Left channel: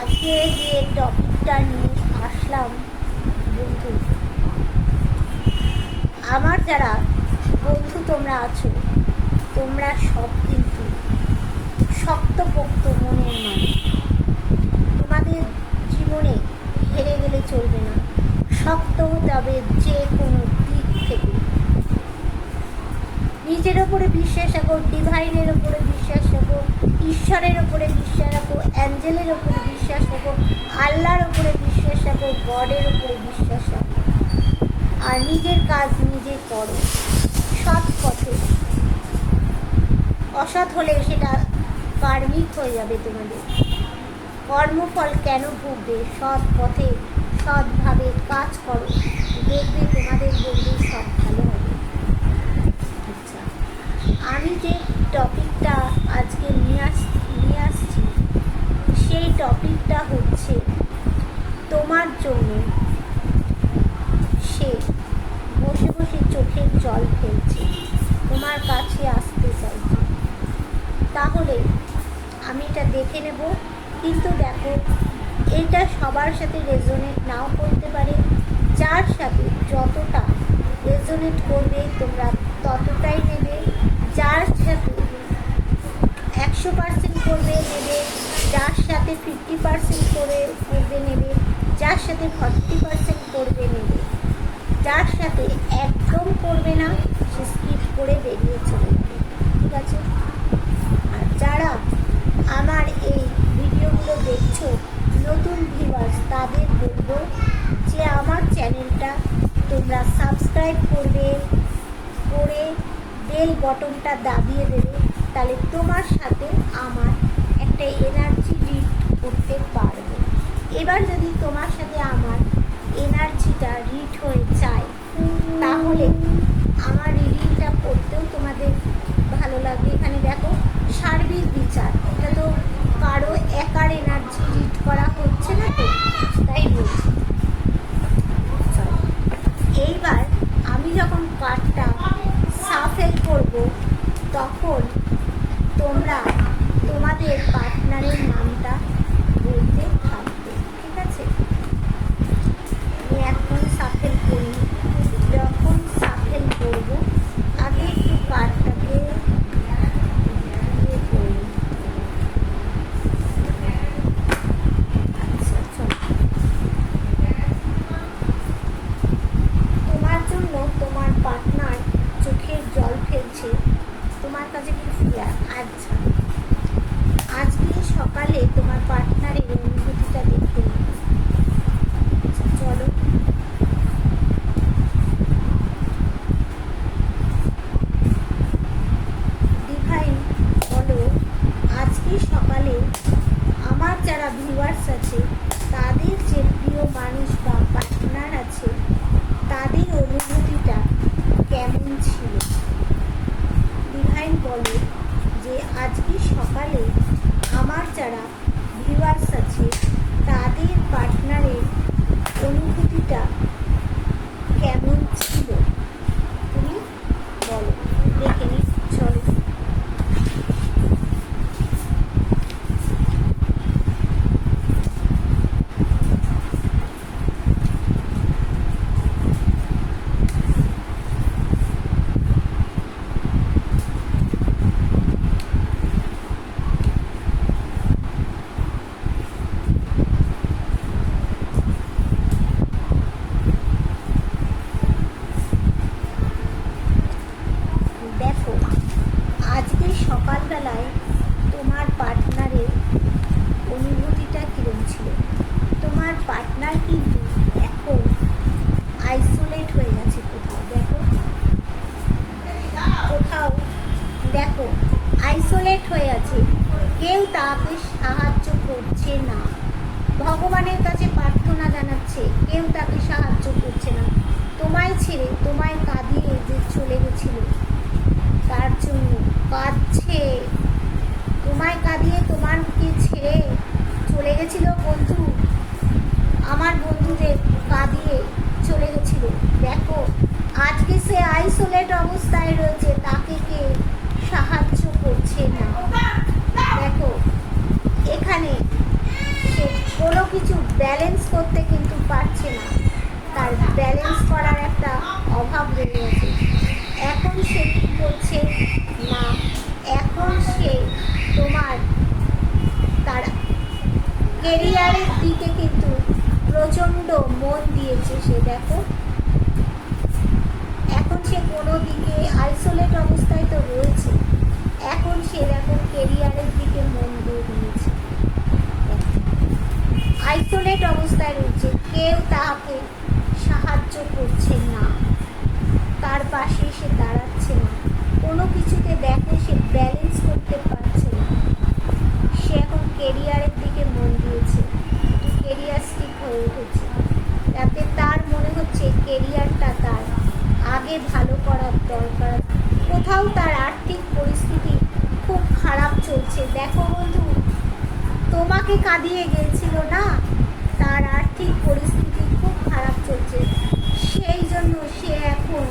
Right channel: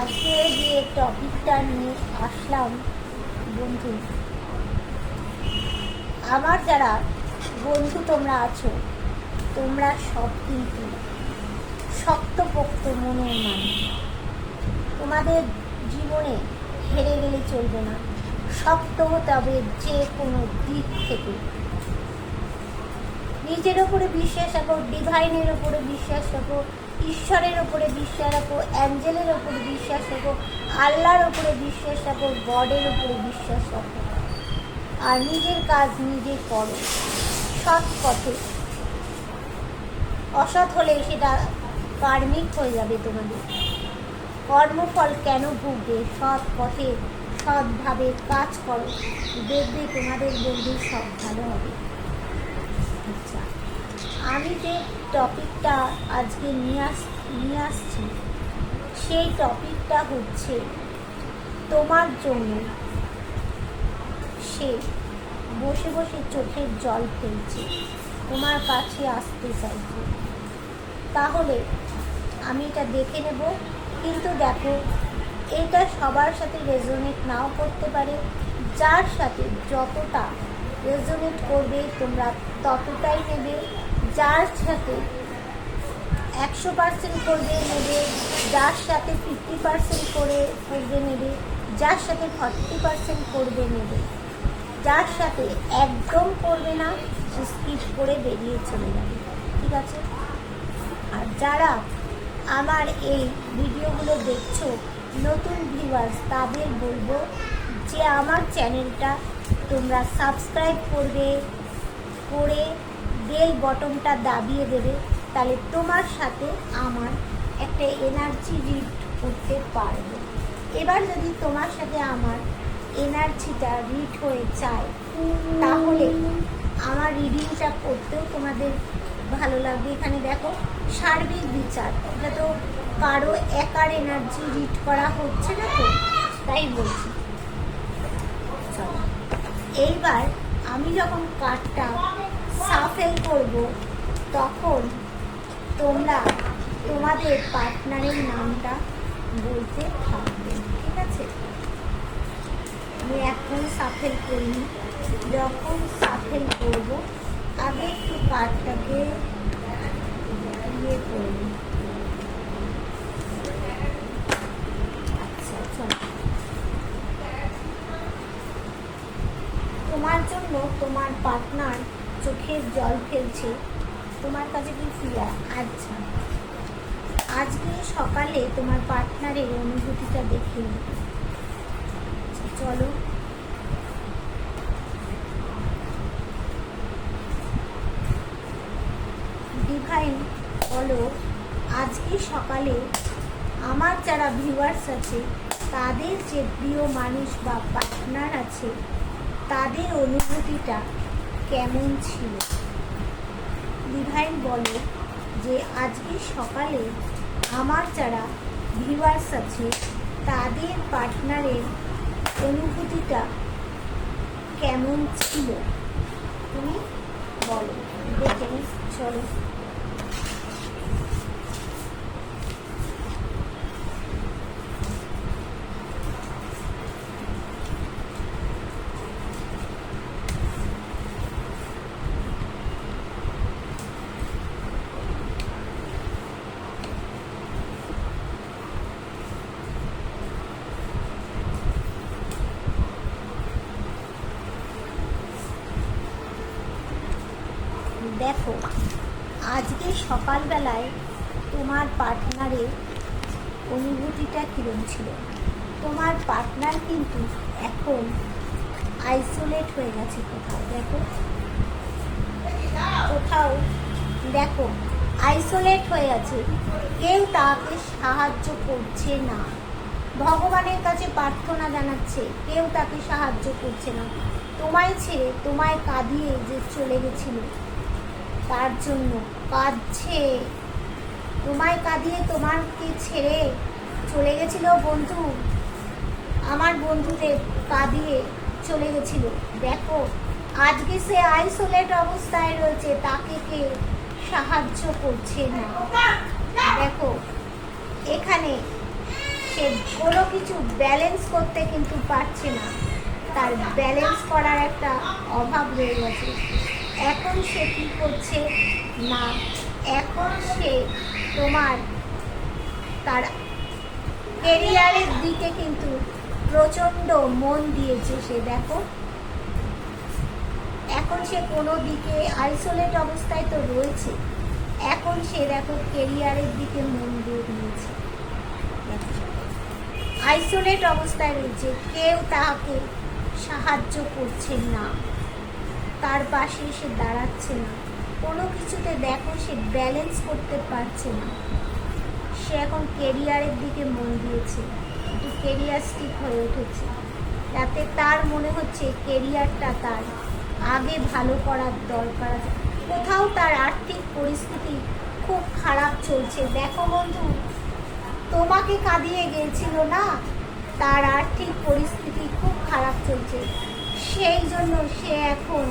আজকে যে টপিকটা নিয়ে আসলাম বন্ধু, আমার যারা বন্ধু তোমরা আছো, তোমরা সব কিন্তু শক্তপোক্ত মনের মানুষ। তোমাদের জীবনে হেরে গেলে চলবে না, শক্ত হতে হবে যে কোনো দিক থেকে। নিজের ওপরে বিশ্বাস রাখো, ডিভাইনের ওপরে বিশ্বাস রাখো, ঈশ্বরের ওপরে বিশ্বাস রাখো, অ্যাঞ্জেলের ওপরে বিশ্বাস রাখো, আল্লাহর ওপরে বিশ্বাস রাখো, গডের ওপরে বিশ্বাস রাখো। আর নিজের কাজ নিজে করো সৎ পথে। অসৎ হলে সেটা কার্মিক হয়ে যাবে তোমাদের। কর্মফল কেন ভুগবে? সৎ পথে সৎভাবে কাজ করো, দেখবে তোমাদের বন্ধু সব ভালো হবে। আচ্ছা, আমি যে টপিকটা আজকে নিয়ে আসছি সেই টপিকটা হচ্ছে তোমার জন্য সে বসে বসে চোখের জল ফেলছে, তোমার কাছে আসতে চাইছে। তাহলে আমি এটা দেখে নেব, কিন্তু দেখো এটা সবার সাথে রেজোনেট নাও করতে পারে। যার সাথে যতটা রেজোনেট করবে তোমরা ততটাই নেবে। যার সাথে 100% করবে নেবে, যার সাথে 50% করবে নেবে, যার সাথে 40% করবে নেবে, যার সাথে একদম করবে না সে স্কিপ করে বেরিয়ে চলে যাবে। ঠিক আছে? আর যারা আমার এই ভিডিওগুলো দেখছো নতুন ভিউয়ার্স, তাদের বলবো যে আমার চ্যানেলটা তোমরা সাবস্ক্রাইব করে বেল বটনটা দাবিয়ে দেবে। তাহলে তোমার সাথে আমার একটা এনার্জি রিড করতে পারবে। এবার যদি তোমার সাথে আমার এনার্জিটা রিড হয়ে যায় তাহলে আমার রিডিংটা করতেও তোমাদের ভালো লাগবে। এখানে দেখো সার্বিক বিচার, এটা তো কারো একার এনার্জি রিড করা হচ্ছে না, তো তাই বলছি। এইবার আমি যখন কার্ডটা সাফেল করব তখন তোমরা তোমাদের পার্টনারের নামটা বলতে থাকবে। ঠিক আছে? আমি এখন সাফেল করিনি, যখন সাফেল করব আগে একটু কার্ডটাকে করি। আচ্ছা চলো, তোমার জন্য তোমার পার্টনার চোখের জল ফেলছে, তোমার কাছে কি ফিয়ার? আচ্ছা, আজকে সকালে তোমার পার্টনারের অনুভূতিটা দেখে নিই। চলো, ডিভাইন বলো আজকে সকালে আমার যারা ভিউয়ার্স আছে তাদের যে প্রিয় মানুষ বা পার্টনার আছে তাদের অনুভূতিটা কেমন ছিল। ডিভাইন বলো যে আজকে সকালে আমার যারা ভিউয়ার্স আছে তাদের পার্টনারের অনুভূতিটা কেমন ছিল, তুমি বলো, দেখে নি। চলো, দেখো আজকে সকালবেলায় তোমার পার্টনারের অনুভূতিটা কীরকম ছিল। তোমার পার্টনার কিন্তু এখন আইসোলেট হয়ে গেছে কোথাও, দেখো কোথাও দেখো আইসোলেট হয়ে আছে, কেউ তাকে সাহায্য করছে না। ভগবানের কাছে প্রার্থনা জানাচ্ছে, কেউ তাকে সাহায্য করছে না। তোমায় ছেড়ে তোমায় কাঁদিয়ে যে চলে গেছিল তার জন্য কাঁদছে। তোমায় কাঁদিয়ে তোমাকে ছেড়ে চলে গেছিল বন্ধু, আমার বন্ধুদের কাঁদিয়ে চলে গেছিল। দেখো আজকে সে আইসোলেট অবস্থায় রয়েছে, তাকে কেউ সাহায্য করছে না। দেখো এখানে সে কোনো কিছু ব্যালেন্স করতে কিন্তু পারছে না, তার ব্যালেন্স করার একটা অভাব রয়ে গেছে। এখন সে কী করছে না, এখন সে তোমার তার কেরিয়ারের দিকে কিন্তু প্রচণ্ড মন দিয়েছে। সে দেখো এখন সে কোনো দিকে আইসোলেট অবস্থায় তো রয়েছে, এখন সে দেখো কেরিয়ারের দিকে মন দিয়ে দিয়েছে। আইসোলেট অবস্থায় রয়েছে, কেউ তাকে সাহায্য করছে না, তার পাশে সে দাঁড়াচ্ছে না, কোনো কিছুতে দেখো সে ব্যালেন্স করতে পারছে না। সে এখন কেরিয়ারের দিকে মন দিয়েছে, কেরিয়ারিস্টিক হয়ে উঠেছে, তাতে তার মনে হচ্ছে কেরিয়ারটা তার আগে ভালো করার দরকার। কোথাও তার আর্থিক পরিস্থিতি খুব খারাপ চলছে। দেখো বন্ধু, তোমাকে কাঁদিয়ে গিয়েছিল না, তার আর্থিক পরিস্থিতি খুব খারাপ চলছে, সেই জন্য সে এখন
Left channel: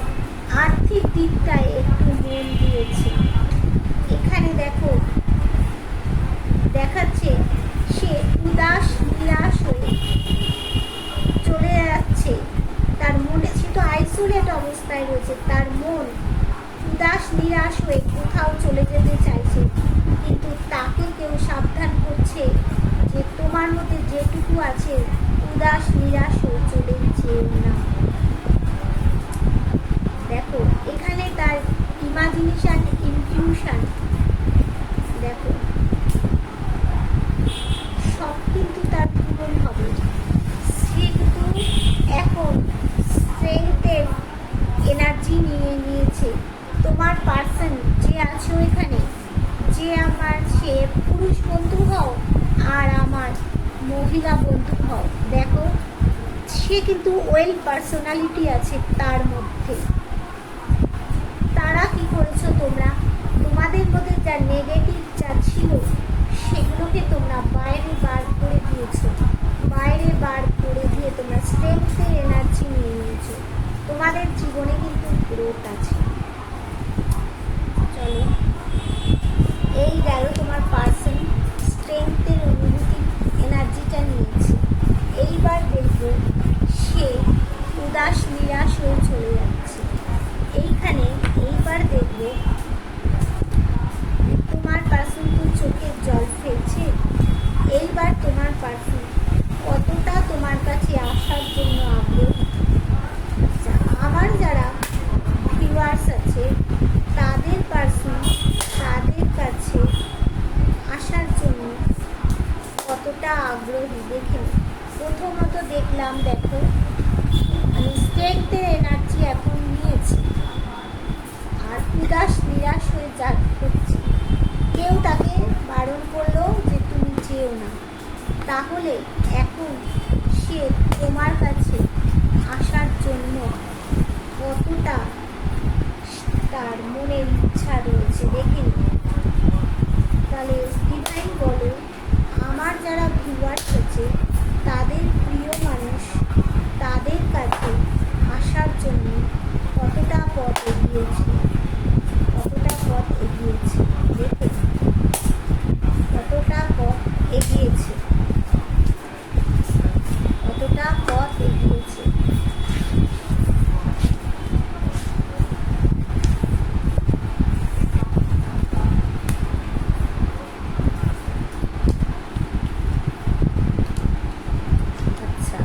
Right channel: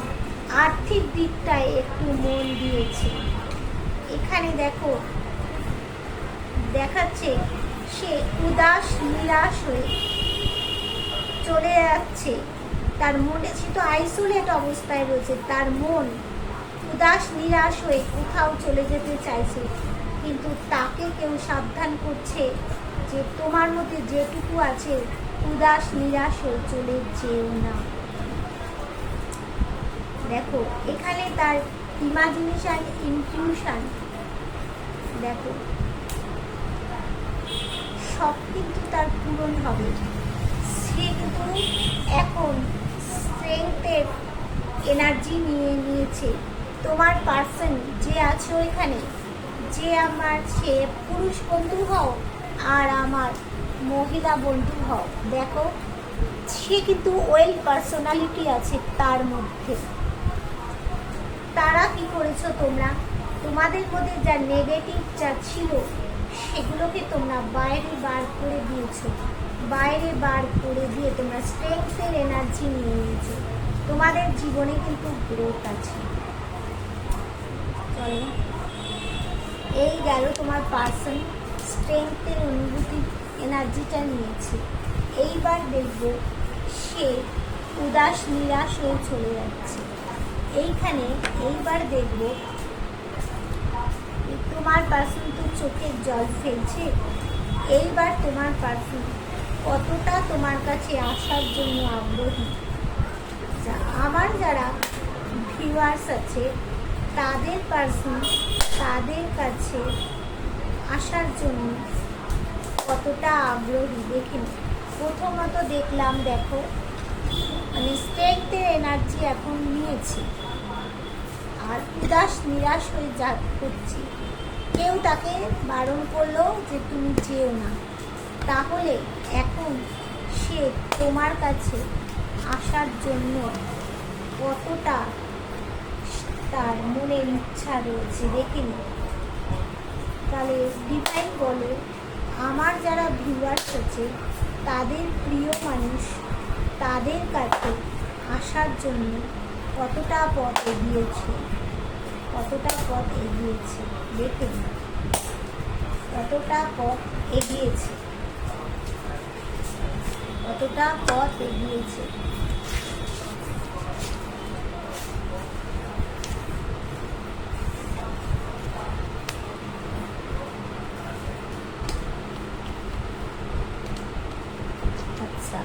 আর্থিক দিকটায় একটু মন দিয়েছে। এখানে দেখো দেখাচ্ছে সে উদাস নিরাশ হয়ে চলে যাচ্ছে, তার মনে, সে তো আইসোলেট অবস্থায় রয়েছে, তার মন উদাস নিরাশ হয়ে কোথাও চলে যেতে চাইছে, কিন্তু তাকে কেউ সাবধান করছে যে তোমার মধ্যে যেটুকু আছে উদাস নিরাশ হয়ে চলে যেও না। দেখো এখানে তার ইমাজিনেশন, ইনটিউশন দেখো সব কিন্তু তার পূরণ হবে। সে কিন্তু এখন স্ট্রেংথের এনার্জি নিয়ে নিয়েছে। তোমার পার্সন যে আছে ওইখানে, যে আমার সে পুরুষ বন্ধু হও আর আমার মহিলা বন্ধু হও, দেখো সে কিন্তু ওয়েল পার্সোনালিটি আছে তার মধ্যে। তারা কি করেছো তোমরা, তোমাদের মধ্যে যা নেগেটিভ যা ছিল সেগুলোকে তোমরা বাইরে বার করে দিয়েছো, বাইরে বার করে দিয়ে তোমরা স্ট্রেংথের এনার্জি নিয়ে নিয়েছো। তোমাদের জীবনে কিন্তু গ্রোথ আছে। চলো, এই গেল তোমার পার্সন স্ট্রেংথের অনুভূতি, এনার্জিটা নিয়েছে। এইবার দেখবো সে উদাস নিরাশ হয়ে চলে যাচ্ছে। এইবার দেখবো তোমার পার্সন তো চোখের জল ফেলছে। এইবার তোমার পার্সন কতটা তোমার কাছে আসার জন্য আগ্রহী। আচ্ছা, আমার যারা ভিউয়ার্স আছে তাদের পার্সন তাদের কাছে আসার জন্য কতটা আগ্রহী দেখে নিই। প্রথমত দেখলাম, দেখো মানে স্ট্রেংথের এনার্জি এখন নিয়েছে আর উদাস নিরাশ হয়ে যাচ্ছে। কেউ তাকে বারণ করলো যে তুমি যেও না, তাহলে এখন সে তোমার কাছে আসার জন্য কতটা তার মনের ইচ্ছা রয়েছে দেখে নিন। তাহলে ডিভাইন বলে আমার যারা ভিউয়ার্স আছে তাদের প্রিয় মানুষ তাদের কাছে আসার জন্য কতটা পথ এগিয়েছে, কতটা পথ এগিয়েছে দেখে নিন, কতটা পথ এগিয়েছে, কতটা পথ এগিয়েছে। আচ্ছা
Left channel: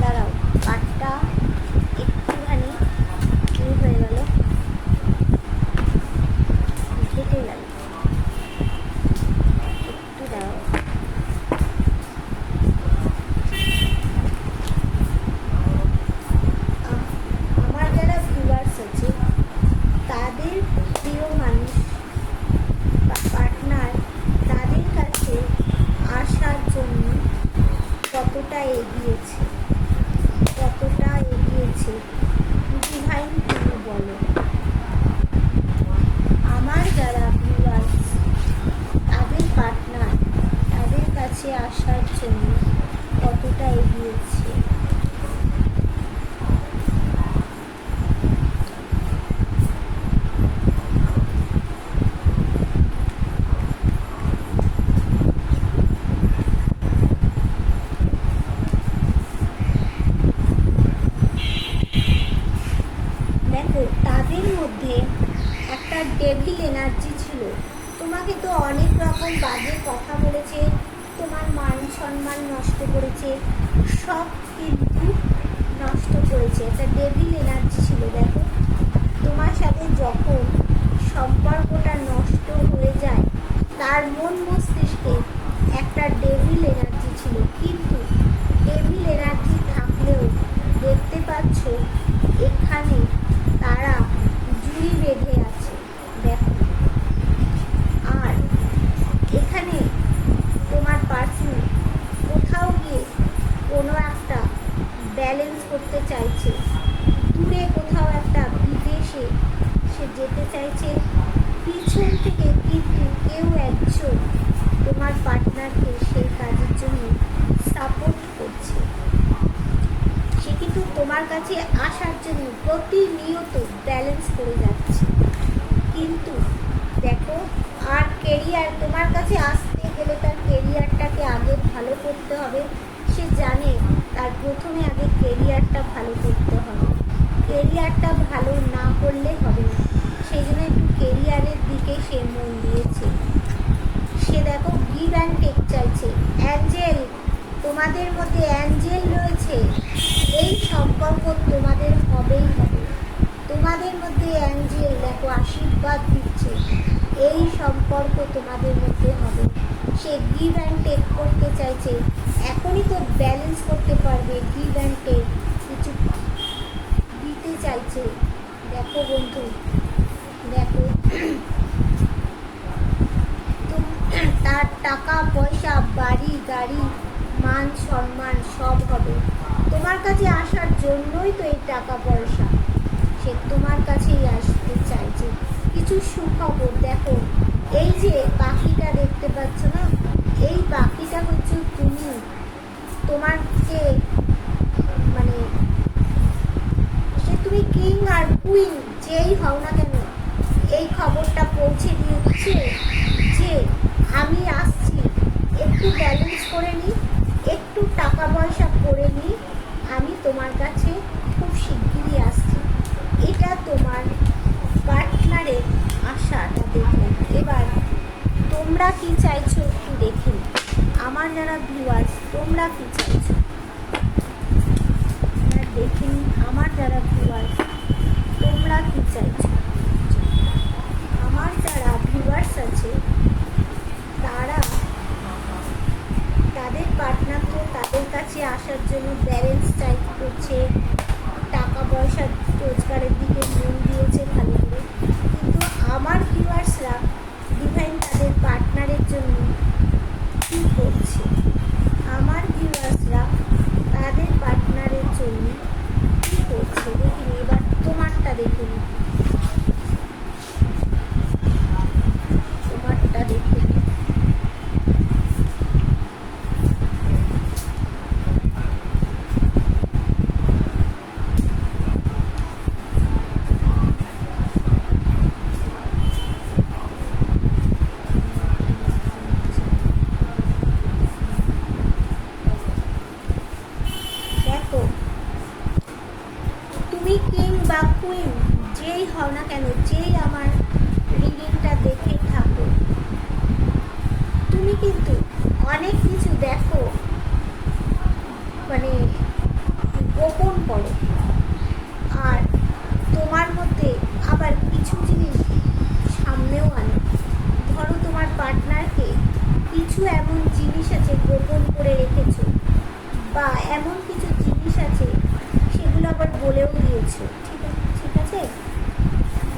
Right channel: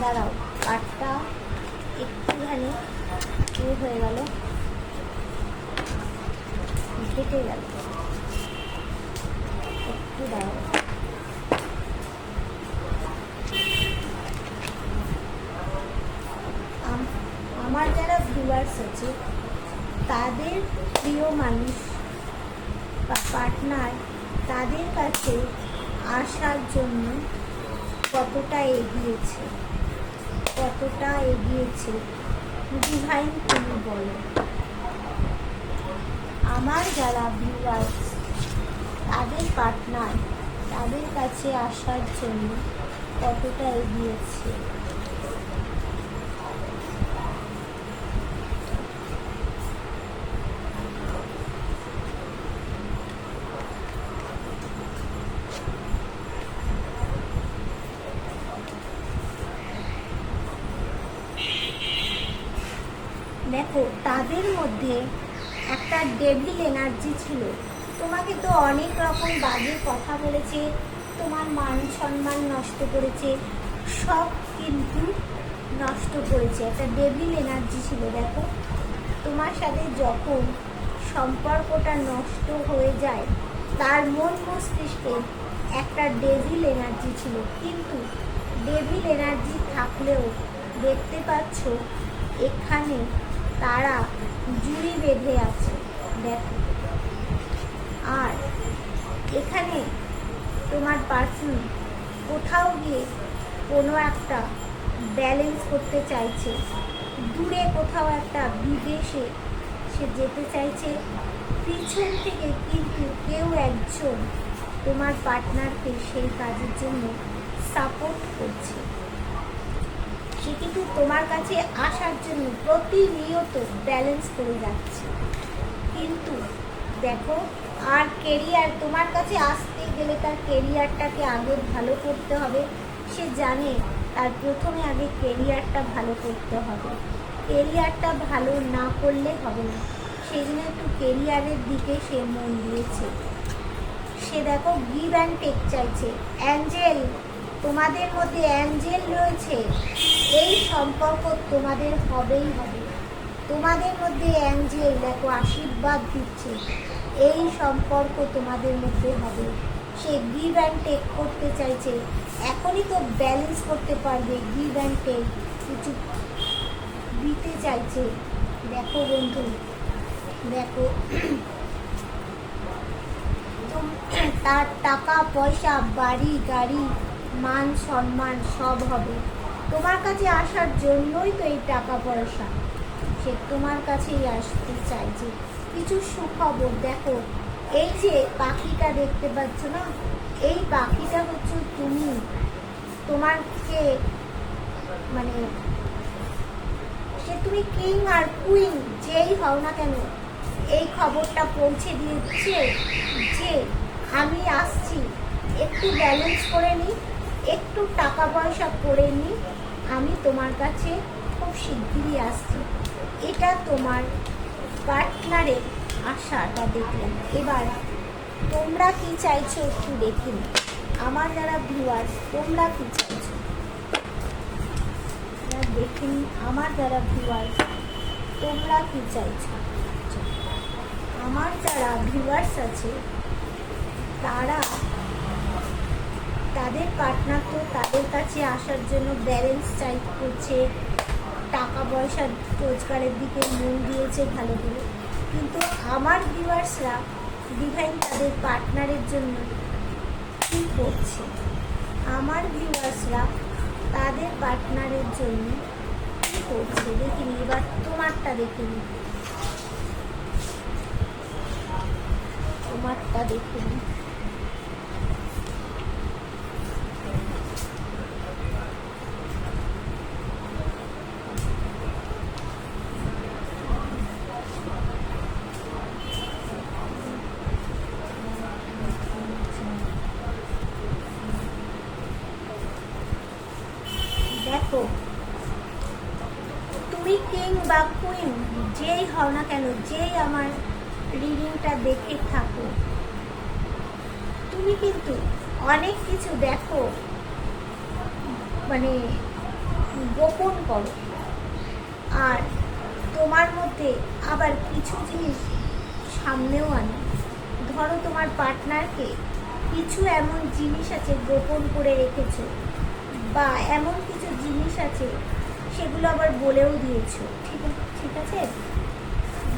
দাঁড়াও, কাঠটা একটুখানি হয়ে গেল, কেটে গেল, একটু দাঁড়াও। আমার যারা ভিউয়ার্স আছে তাদের প্রিয় মানুষ বা পার্টনার তাদের কাছে আসার জন্য কতটা এগিয়েছে, কতটা এগিয়েছে ডিভাইন তুমি বলো। আমার যারা ভিউয়ার্স তাদের পার্টনার তাদের কাছে আসার জন্য কতটা এগিয়েছে। দেখো তাদের মধ্যে একটা ডেভিল এনার্জি ছিল। তোমাকে তো অনেক রকম বাজে কথা বলেছে, তোমার মান সম্মান নষ্ট করেছে, সব কিন্তু নষ্ট করেছে। একটা ডেভিল এনার্জি ছিল। দেখো তোমার সাথে যখন সম্পর্কটা নষ্ট হয়ে যায়, তার মন মস্তিষ্কে একটা ডেভিল এনার্জি ছিল। কিন্তু ডেভিল এনার্জি থাকলেও দেখতে পাচ্ছ এখানে তারা জুড়ি বেঁধে আছে। দেখো, আর এখানে তোমার পার্সন কোথাও গিয়ে কোনো একটা ব্যালেন্স করতে চাইছে, দূরে কোথাও একটা বিদেশে সে যেতে চাইছে। পিছন থেকে কিন্তু কেউ একজন তোমার পার্টনারকে সেই কাজের জন্য সাপোর্ট করছে। সে কিন্তু তোমার কাছে আসার জন্য প্রতিনিয়ত ব্যালেন্স করে যাচ্ছে। কিন্তু দেখো, আর কেরিয়ার, তোমার কাছে আসতে গেলে তার কেরিয়ারটাকে আগে ভালো করতে হবে। সে জানে তার প্রথমে আগে কেরিয়ারটা ভালো করতে হবে। কেরিয়ারটা ভালো না করলে হবে না, সেই জন্য একটু কেরিয়ারের দিকে সে মন দিয়েছে। সে দেখো গিভ অ্যান্ড টেক চাইছে। অ্যাঞ্জেল, তোমাদের মধ্যে অ্যাঞ্জেল রয়েছে, এই সম্পর্ক তোমাদের হবেই হবে। তোমাদের মধ্যে অ্যাঞ্জেল দেখো আশীর্বাদ দিচ্ছে, এই সম্পর্ক তোমাদের মধ্যে হবে। সে গিভ অ্যান্ড টেক করতে চাইছে, এখনই তো ব্যালেন্স করতে পারবে। গিভ অ্যান্ড টেক কিছু দিতে চাইছে। দেখো বন্ধু, দেখো তার টাকা পয়সা, বাড়ি গাড়ি, মান সম্মান সব হবে। তোমার কাছে আসার জন্যই তো এই টাকা পয়সা। সে তোমার কাছেই আসতে চাইছে। কিছু সুখবর দেখো, এই যে পাখিটা দেখতে পাচ্ছ না, এই পাখিটা হচ্ছে তুমি। তোমার যে মানে সে তুমি কিং আর কুইন যেই হও না কেন, এই খবরটা পৌঁছে দিচ্ছে যে আমি আসছি, একটু ব্যালেন্স করে নিই, একটু টাকা পয়সা করে নিই, আমি তোমার কাছে খুব শিগগিরই আসছি। এটা তোমার পার্টনারের আশাটা দেখুন। এবার তোমরা কি চাইছো একটু দেখুন। আমার যারা ভিউয়ার্স, তোমরা কি চাইছো দেখুন। আমার যারা ভিউয়ার্স, তোমরা কি চাইছো। আমার যারা ভিউয়ার্স আছে তারা, তাদের পার্টনার তো তাদের কাছে আসার জন্য ব্যালেন্স চাই করছে, টাকা পয়সা রোজগারের দিকে মন দিয়েছে ভালো করে। কিন্তু আমার ভিউয়ার্সরা ডিভাইন তাদের পার্টনারের জন্য কী করছে, আমার ভিউয়ার্সরা তাদের পার্টনারের জন্য কী করছে দেখিনি। এবার তোমারটা দেখিনি, তোমারটা দেখিনি। দেখো, তুমি কিং বা কুইন যেই হও না কেন, যেই আমার রিডিংটা দেখে থাকো, তুমি কিন্তু অনেক কিছু দেখো মানে গোপন করো। আর তোমার মধ্যে আবার কিছু জিনিস সামনেও আনো। ধরো তোমার পার্টনারকে কিছু এমন জিনিস আছে গোপন করে রেখেছো, বা এমন কিছু জিনিস আছে সেগুলো আবার বলেও দিয়েছো। ঠিক আছে।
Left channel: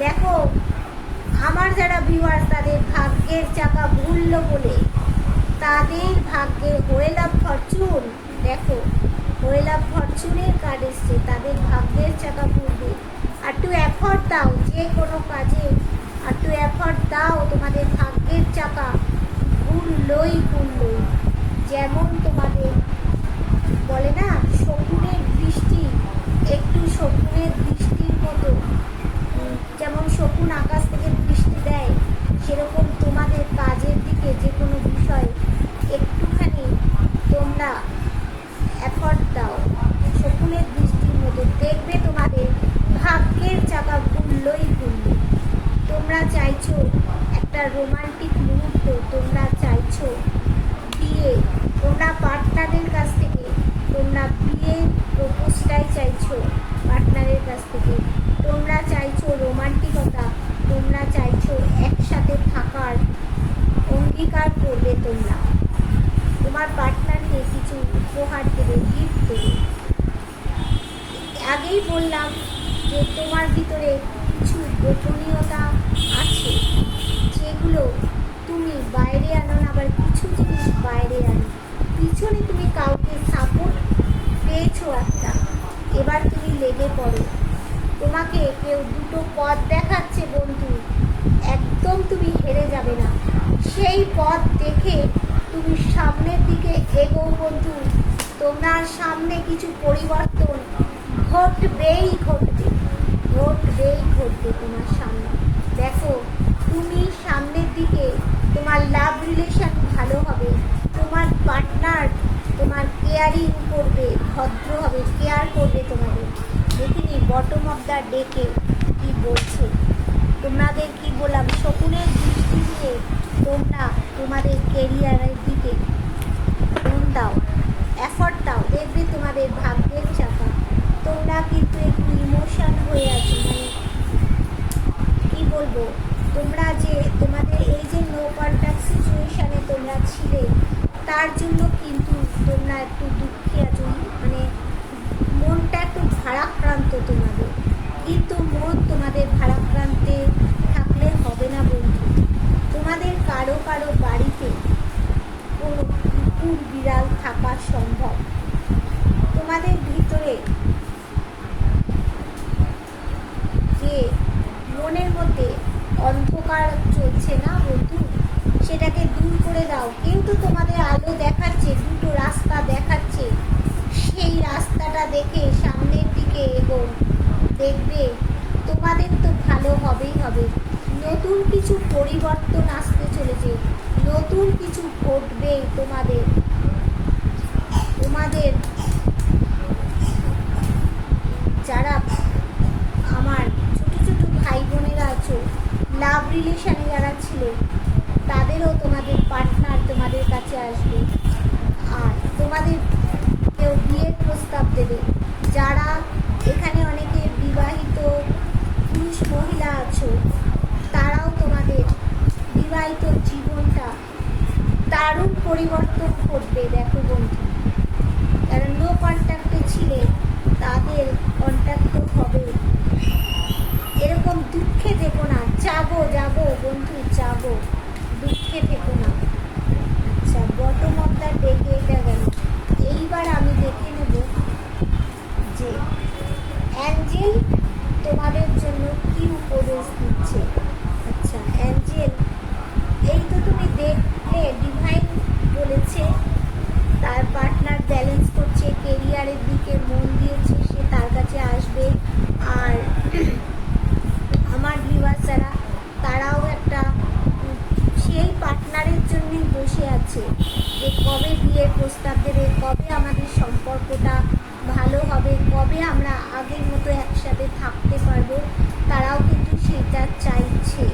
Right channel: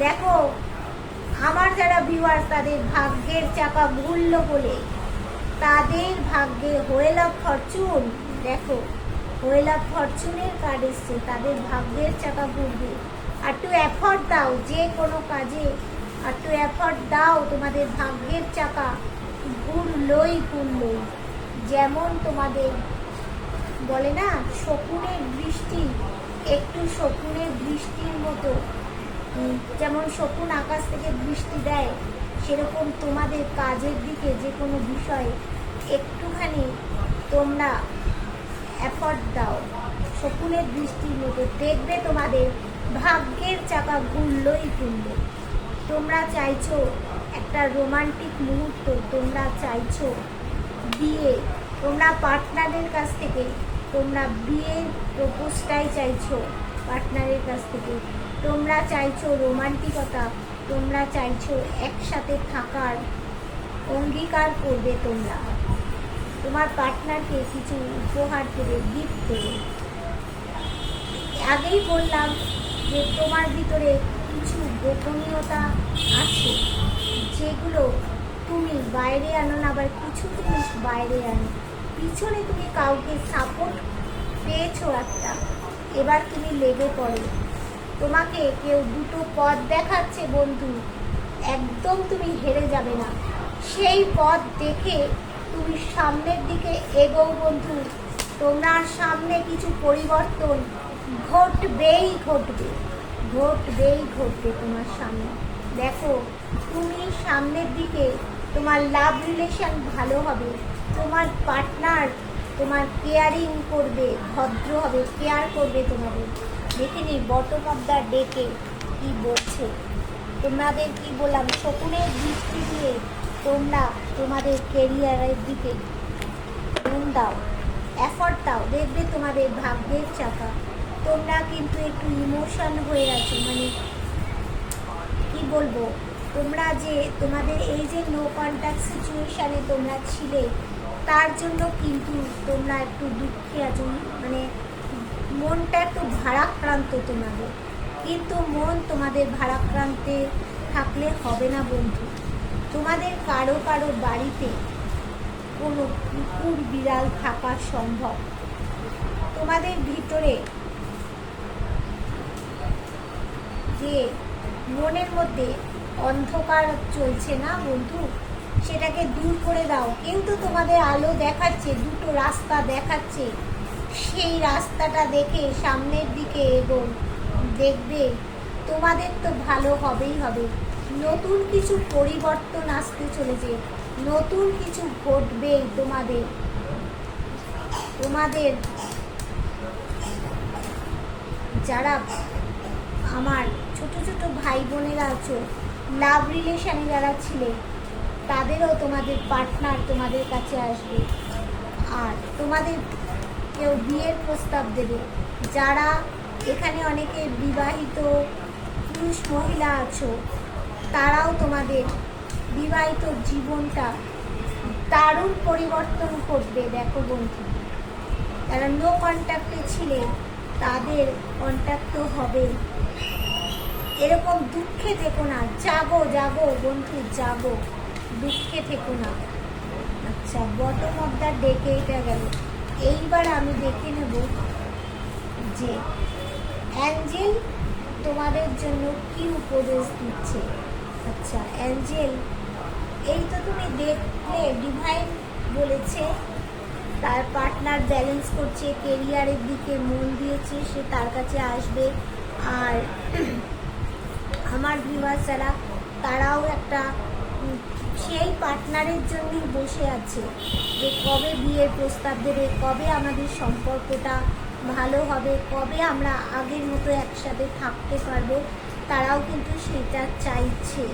দেখো, আমার যারা ভিউয়ার্স, তাদের ভাগ্যের চাকা ঘুরলো বলে তাদের ভাগ্যে হোয়েল অফ ফরচুন, দেখো হোয়েল অফ ফরচুনের কার্ড এসছে, তাদের ভাগ্যের চাকা ঘুরবে। আর একটু এফর্ট দাও যে কোনো কাজে, আর একটু এফর্ট দাও, তোমাদের ভাগ্যের চাকা ঘুরলই। যেমন তোমাদের বলে না শকুনের বৃষ্টি, একটু শকুনের বৃষ্টির মতো, যেমন শকুন আকাশ থেকে বৃষ্টি দেয়, সেরকম তোমাদের কাজের দিকে যে কোনো বিষয়ে একটুখানি তোমরা এফর্ট দাও, শকুনের দৃষ্টির মতো দেখবে তোমাদের ভাগ্যের চাকা ঘুরলই ঘুরবে। তোমরা চাইছো একটা রোমান্টিক মুহূর্ত, তোমরা চাইছো বিয়ে, তোমরা পার্টনারের কাছ থেকে তোমরা বিয়ের প্রপোজটাই চাইছো পার্টনারের কাছ থেকে। তোমরা চাইছো রোমান্টিকতা, তোমরা চাইছো একসাথে থাকার অঙ্গীকার করবে। তোমরা তোমার পার্টনারকে কিছু উপহার দেবে, গিফট দেবে। আগেই বললাম যে তোমার ভিতরে কিছু গোপনীয়তা আছে যেগুলো তুমি বাইরে আনো না, আবার কিছু জিনিস বাইরে আনো। পিছনে তুমি কাউকে সাপোর্ট পেয়েছো একটা, এবার তুমি লেগে পড়ো। তোমাকে কেউ দুটো পথ দেখাচ্ছে বন্ধু, একদম তুমি হেরে যাবে না। সেই পথ দেখে তুমি সামনের দিকে এগোও বন্ধু। তোমার সামনে কিছু পরিবর্তন ঘটবেই ঘটবে, ঘটবেই ঘটবে তোমার সামনে। দেখো তুমি সামনের দিকে তোমার লাভ রিলেশন ভালো হবে, তোমার পার্টনার তোমার কেয়ারিং করবে, ভদ্র হবে, কেয়ার করবে তোমাদের। দেখিনি বটম অফ দ্য ডেকে কি বলছে, তোমাদের কি বললাম, শকুনের দৃষ্টি দিয়ে তোমরা তোমাদের কেরিয়ারের দিকে মন দাও, এফর্ট দাও, দেখবে তোমাদের ভাগ্যের চাকা। তোমরা কিন্তু একটু ইমোশন হয়ে আছো, মানে কি বলবো, তোমরা যে তোমাদের এই যে নো কন্ট্যাক্ট সিচুয়েশানে তোমরা ছিলে, তার জন্য কিন্তু তোমরা একটু দুঃখে আছো, মানে মনটা একটু ভারাক্রান্ত তোমাদের। কিন্তু মন তোমাদের ভারাক্রান্তে থাকলে হবে না বন্ধু। তোমাদের কারো কারো বাড়িতে কোনো কুকুর বিড়াল থাকা সম্ভব। তোমাদের ভিতরে যে মনের মধ্যে অন্ধকার চলছে না বন্ধু, সেটাকে দূর করে দাও। কেউ তো তোমাদের আলো দেখাচ্ছে, দুটো রাস্তা দেখাচ্ছে, সেই রাস্তাটা দেখে সামনের দিকে এগোও। দেখবে তোমাদের তো ভালো হবেই হবে। নতুন কিছু পরিবর্তন আসতে চলেছে, নতুন কিছু ঘটবেই তোমাদের। তোমাদের যারা আমার ছোট ছোট ভাই বোনেরা আছো, লাভ রিলেশনে যারা ছিলে, তাদেরও তোমাদের পার্টনার তোমাদের কাছে আসবে, আর তোমাদের কেউ বিয়ের প্রস্তাব দেবে। যারা এখানে অনেকে বিবাহিত পুরুষ মহিলা আছো, তারাও তোমাদের বিবাহিত জীবনটা দারুণ পরিবর্তন ঘটবে। দেখো বন্ধু, যারা নো কন্ট্যাক্টে ছিলে তাদের কন্ট্যাক্ট হবে। এরকম দুঃখে থেকো না, জাগো জাগো বন্ধু, জাগো, দুঃখে থেকো না। আচ্ছা, বটম অফ দ্য ডেকে এটা গেল। এইবার আমি দেখে নেব যে অ্যাঞ্জেল তোমাদের জন্য কি উপদেশ দিচ্ছে। আচ্ছা অ্যাঞ্জেল, এই তো তুমি দেখলে ডিভাইন বলেছে তার পার্টনার ব্যালেন্স করছে, কেরিয়ারের দিকে মন দিয়েছে, সে তার কাছে আসবে। আর আমার ভিউয়ার্সরা তারাও একটা সেই পার্টনারের জন্যই বসে আছে যে কবে বিয়ের প্রস্তাব দেবে, কবে আমাদের সম্পর্কটা ভালো হবে, কবে আমরা আগের মতো একসাথে থাকতে পারবো। তারাও কিন্তু সেটা চাইছে।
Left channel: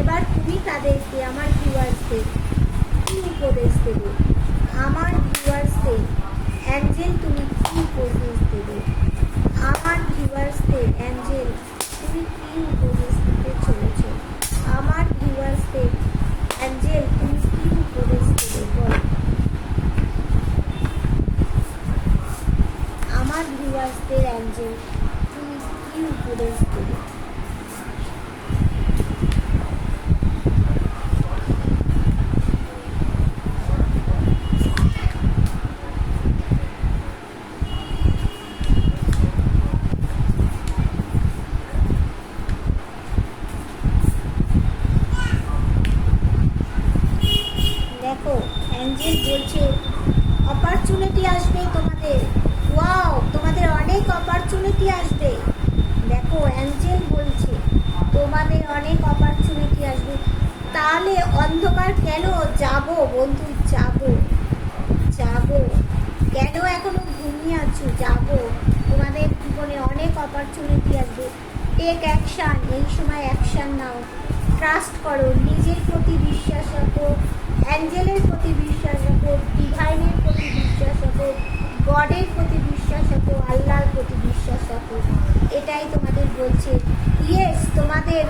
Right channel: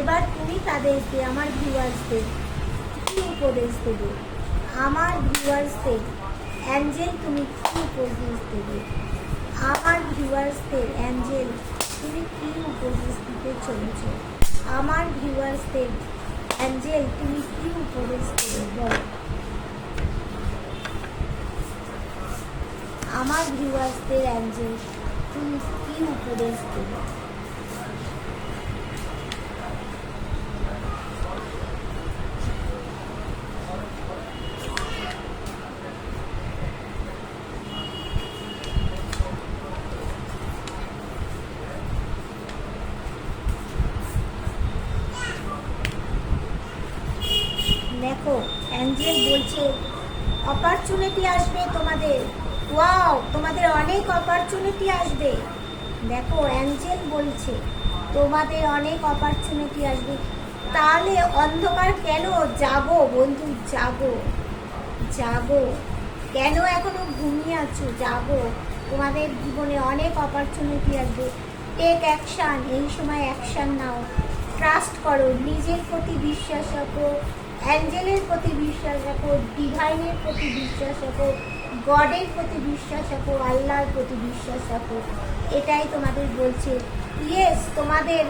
এবার তুমি তাদেরকে, আমার ভিউয়ার্সদের কী উপদেশ দেবে? আমার ভিউয়ার্সদের অ্যাঞ্জেল তুমি কী উপদেশ দেবে? আমার ভিউয়ার্সদের অ্যাঞ্জেল তুমি কী উপদেশ দিতে চলেছো? আমার ভিউয়ার্সদের অ্যাঞ্জেল তুমি কী উপদেশ দেবে বলো? আমার ভিউয়ার্সদের অ্যাঞ্জেল তুমি কী উপদেশ দেবে? দেখো অ্যাঞ্জেল বলছে অপরচুনিটি আসবে তোমাদের। ওয়াও, তোমাদের অনেক অপরচুনিটি আসবে। দেখো অ্যাঞ্জেল বলছে তোমাদের অনেক অপরচুনিটি আসবে। তাহলে অন্ধকার কেন? জাগো বন্ধু, জাগো জাগো। কেন এখনো ঘুমিয়ে আছো? যাবো, তোমাদের জীবনে অনেক অপরচুনিটি আসবে। টেক অ্যাকশান, এই সময় অ্যাকশান নাও। ট্রাস্ট করো, নিজের প্রতি বিশ্বাস রাখো, অ্যাঞ্জেলের প্রতি বিশ্বাস রাখো, ডিভাইনের প্রতি বিশ্বাস রাখো, গডের প্রতি বিশ্বাস রাখো, আল্লাহর প্রতি বিশ্বাস রাখো। এটাই তোমাদের বলছে। ইয়েস, তোমাদের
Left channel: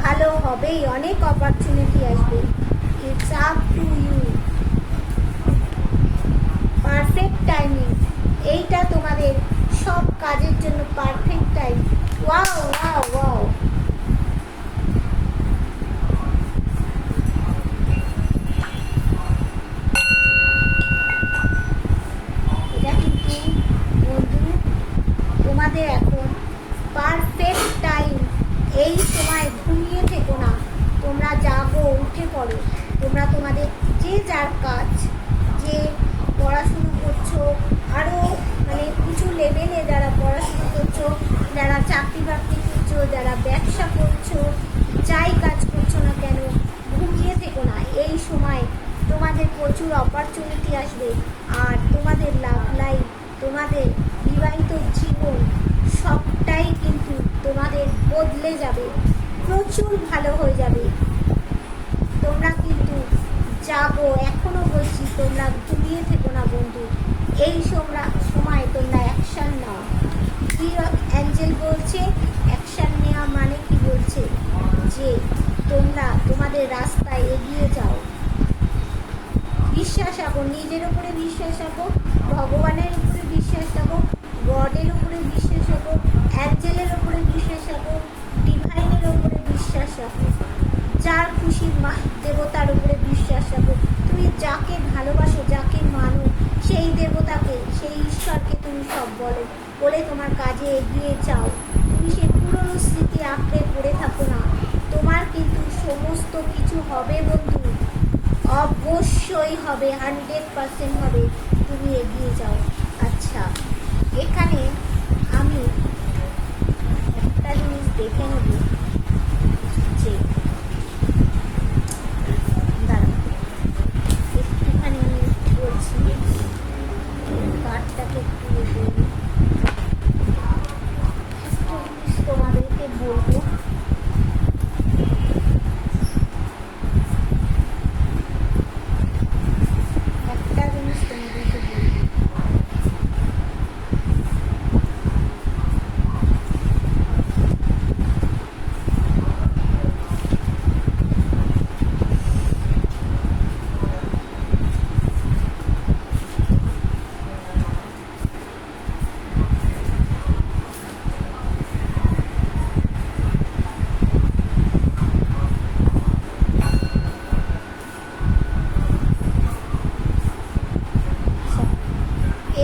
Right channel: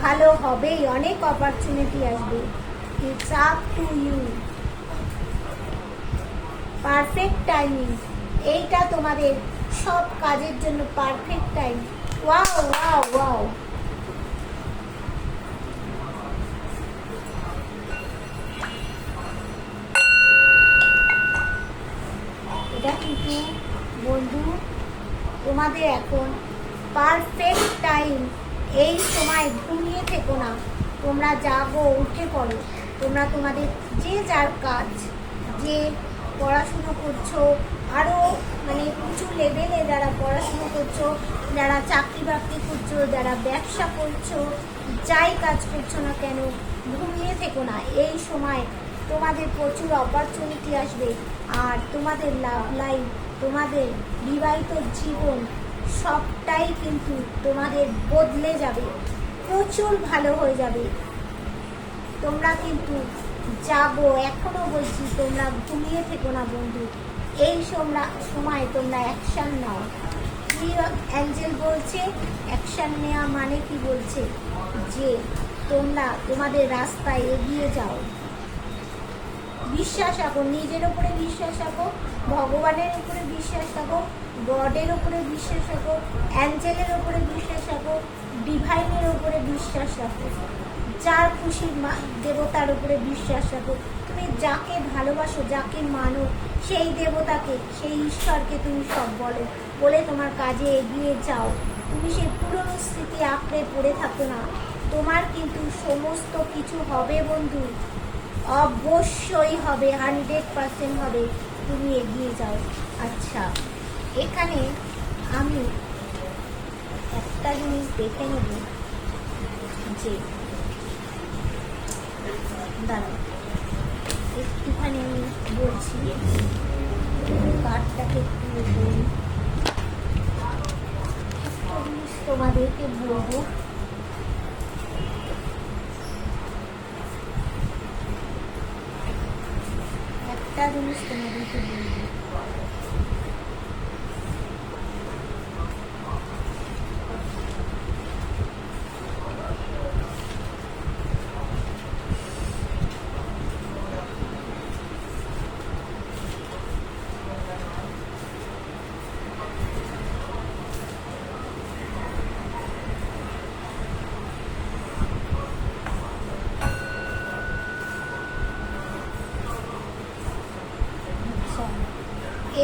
ভালো হবেই, অনেক অপরচুনিটি আসবে। It's up to you. Perfect timing, এইটা তোমাদের সব কাজের জন্য perfect time. Wow wow wow. এটা কিন্তু বন্ধু তোমাদের এখন পারফেক্ট টাইম। এই সময় ঘুমিয়ে থেকো না, তোমরা জাগো, উঠে পড়ো। তোমরা তোমাদের যে যার কাজ, যে পড়াশুনো করছো, আরও মানে উঁচু লেভেলে যারা পড়াশুনো করছো, যারা চাকরি বাকরি করছো, যারা ব্যবসা করছো, যাই কাজ করছো না কেন, ঘুমিয়ে থেকো না। এই সময় তোমাদের প্রচুর অপরচুনিটি আসবে, আর তোমাদের লাভ লাইফ, তোমাদের বিবাহিত জীবন সবটাই কিন্তু তোমাদের বদলে যাবে, প্রচুর ভালো হয়ে যাবে। তোমরা কিন্তু জাগো, এখনো বলছি, তোমরা ঘুমিয়ে থেকো না বন্ধু। এই সময় তোমরা অ্যাকশান নাও। কি অ্যাঞ্জেল বলছে? অ্যাকশান নেওয়া মানে কি বলছে? যে তোমরা তোমাদের রাস্তায় এগিয়ে যাও। বিশ্বাস রাখো, নিজের ওপরে বিশ্বাস রাখো, ভগবানের উপরে বিশ্বাস রাখো, গডের ওপরে বিশ্বাস রাখো, অ্যাঞ্জেলের ওপরে বিশ্বাস রাখো, ডিভাইনের ওপরে বিশ্বাস রাখো, যার খুশি দেবতার উপরে বিশ্বাস রাখো। তুমি যাকে ভালোবাসো, যাকে মানো, সেই দেবতাকে, সেই ঈশ্বরকে তুমি সব বলো, বলে তোমার কাজে এগিয়ে যাও। তুমি সেই পুরনো স্মৃতি আঁকড়ে পড়ে থাকো না। তোমার কিন্তু সমস্ত কিছু হবে বন্ধু, অবশ্যই হবে, 100% হবে। তুমি এগিয়ে যাও। আচ্ছা, এখানে আমি একটা জিনিস দেখে নেব, যে দাঁড়াও একটুখানি আমি বলছি, কার্ডটাকে একটু তোমাদেরকে বলবো। একটা জিনিস তোমাদেরকে বলবো,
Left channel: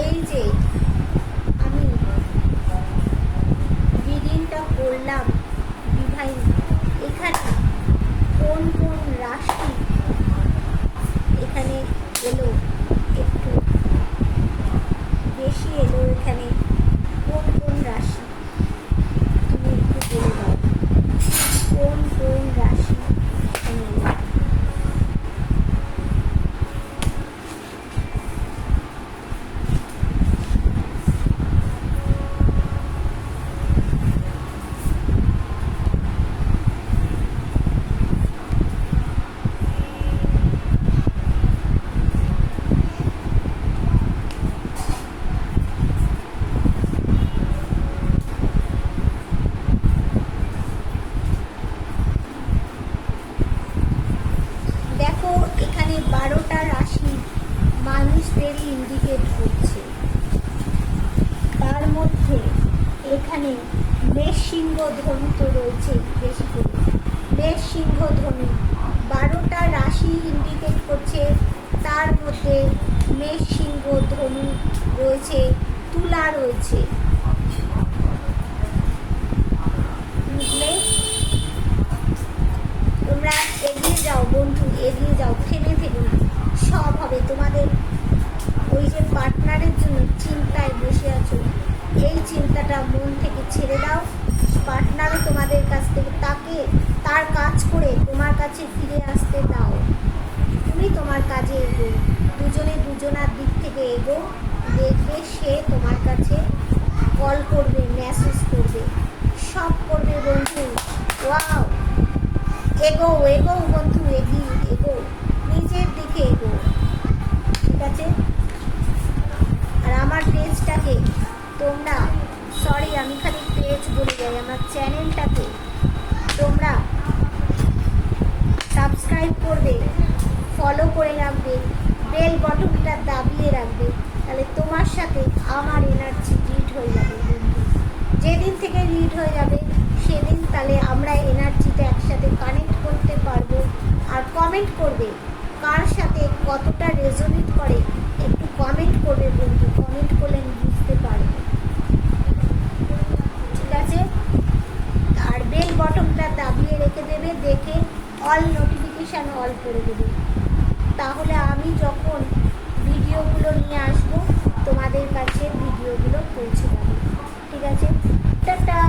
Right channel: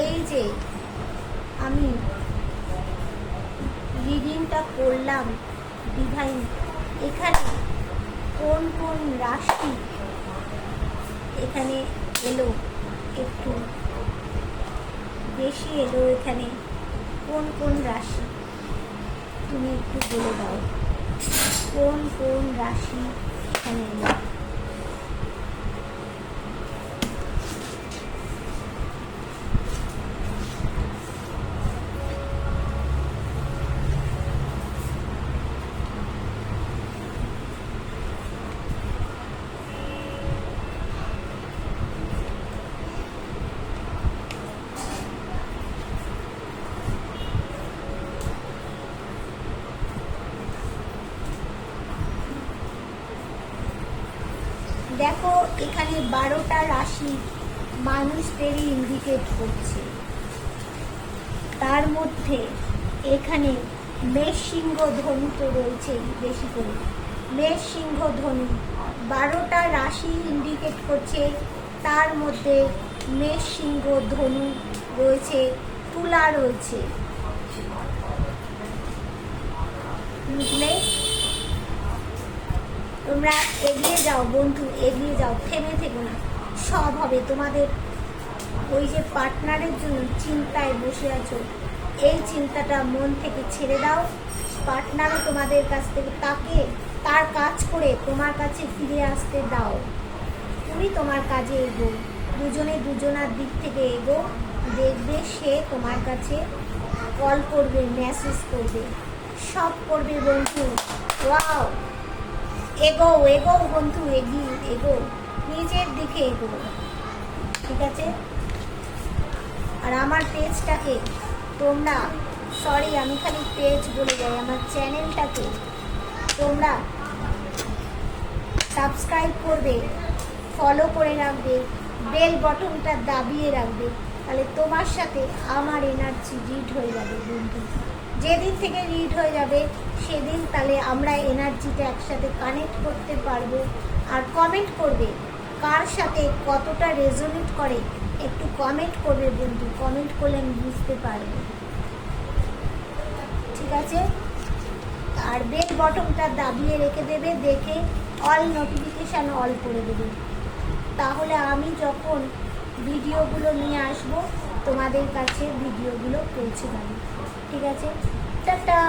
এই যে আমি রিডিংটা করলাম ডিভাইন, এখানে কোন কোন রাশি এখানে এলো, একটু বেশি এলো, এখানে কোন কোন রাশি তুমি একটু বলে দাও, কোন কোন রাশি এখানে এলো। দেখো এখানে 12টা রাশি মানুষদেরই ইন্ডিকেট করছে। তার মধ্যে এখানে মেষ, সিংহ, ধনু তো রয়েছে বেশি করে। মেষ, সিংহ, ধনু 12টা রাশি ইন্ডিকেট করছে। তার মধ্যে মেষ, সিংহ, ধনু রয়েছে, তুলা রয়েছে। বুঝলে? তোমরা এগিয়ে যাও বন্ধু, এগিয়ে যাও, থেমে থেকো না, সব হবে। তোমাদের ওই যে পার্টনারের জন্য চিন্তায় বসে আছো, এই চিন্তাটা মন থেকে ছেড়ে দাও। পার্টনারও তোমাদের কাছ থেকে তার কাজ করে তোমার কাছে ফিরে আসতে দাও। তুমি তোমার কাজে এগো, দুজনে দুজনার দিক থেকে এগো। দেখবে সে তোমার কাছে কল করবে, মেসেজ করবে, সব করবে বন্ধু। ওয়াও, এগো এগো বন্ধু, এগো, নিজের দিকে এগো, ঠিক আছে? আর আমার পেজটাকে তোমরা, সরি আমি খালি পেজ বলে যাই, আমার চ্যানেলটাকে তোমরা সাবস্ক্রাইব করবে, ফলো করে রাখবে, বেল বটনটা দাবিয়ে রাখবে, তাহলে তোমার সাথে আমার এনার্জি রিড হয়ে যাবে বন্ধু। যেদিন থেকে রিড হয়ে যাবে সেদিন তাহলে আমরা এনার্জিটা একসাথে কানেক্ট করতে পারবো। আর কমেন্ট করবে কার সাথে কতটা রেজোনেট করে, একটু কমেন্ট করবে বন্ধু, কমেন্ট করলে আমি বুঝতে পারবো, ঠিক আছে? আর বেল বটনটা দাবিয়ে রেখে দেবে, দেখে অল নোটিফিকেশান অল করে দেবে, তাহলে আমি যখন ভিডিওগুলো নিয়ে আসবো তোমাদের কাছে ভিডিওগুলো পৌঁছে যাবে, ঠিক আছে? টাটা।